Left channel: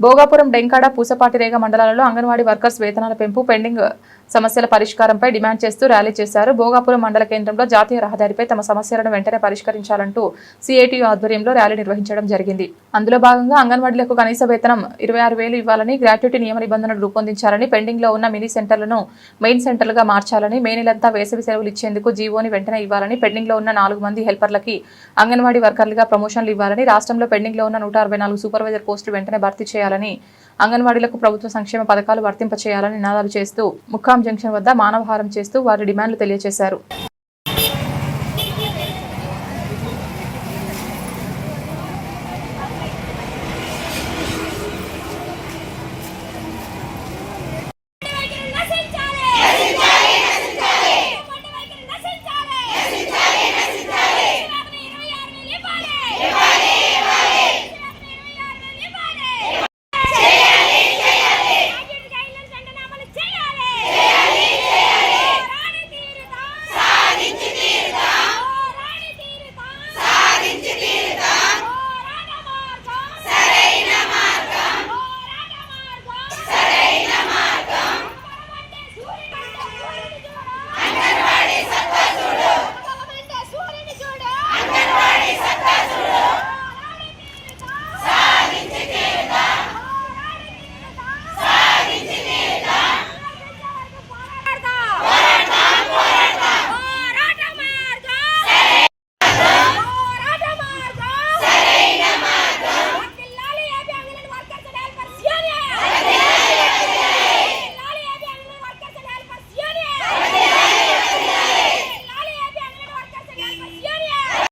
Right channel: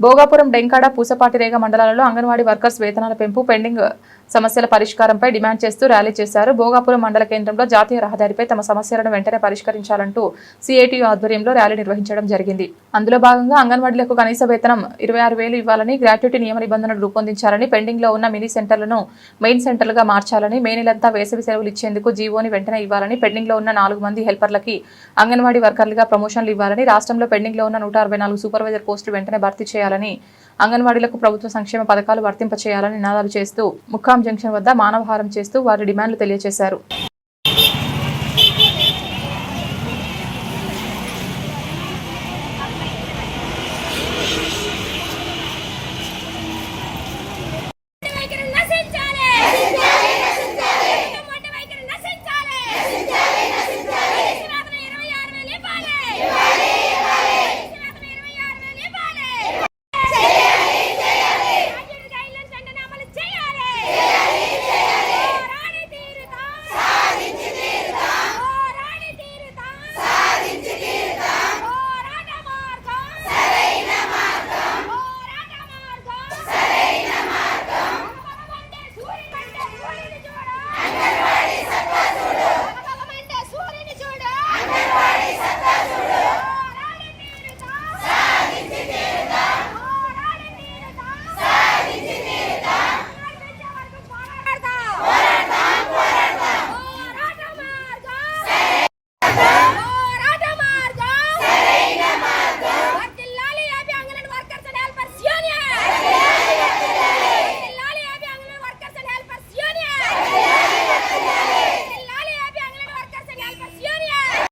భోగాపురం, డెంకాడ, పూసపాటిరేగ మండలాలలో అంగన్వాడీ వర్కర్స్ వేతనాల పెంపు, పెండింగ్ సమస్యల పరిష్కారంపై డిమాండ్ చేస్తూ ర్యాలీ చేశారు. భోగాపురం మండల కేంద్రంలో జాతీయ రహదారిపై తమ సమస్యలను వెంటనే పరిష్కరించాలంటూ సిఐటియు ఆధ్వర్యంలో ర్యాలీ నిర్వహించడం జరిగింది. అందులో భాగంగా అంగన్వాడీలకు కనీస వేతనం 26,000 ఇవ్వాలని, గ్రాట్యుటీ నియమ నిబంధనలు రూపొందించాలని, పెండింగ్ లో ఉన్న మినీ సెంటర్లను మెయిన్ సెంటర్లుగా మార్చాలని, మే నెలంతా వేసవి సెలవులు ఇచ్చేందుకు జీవోని వెంటనే ఇవ్వాలని, పెండింగ్ లో ఉన్న 4 మంది హెల్పర్లకి అంగన్వాడీ వర్కర్లుగా ప్రమోషన్లు ఇవ్వాలని, రాష్ట్రంలో పెండింగ్ లో ఉన్న 164 సూపర్వైజర్ పోస్టులు వెంటనే భర్తీ చేయాలని, అంగన్వాడీలకు ప్రభుత్వ సంక్షేమ పథకాలు వర్తింప చేయాలని నినాదాలు చేస్తూ ముక్కాం జంక్షన్ వద్ద మానవహారం చేస్తూ వారి డిమాండ్లు తెలియజేశారు.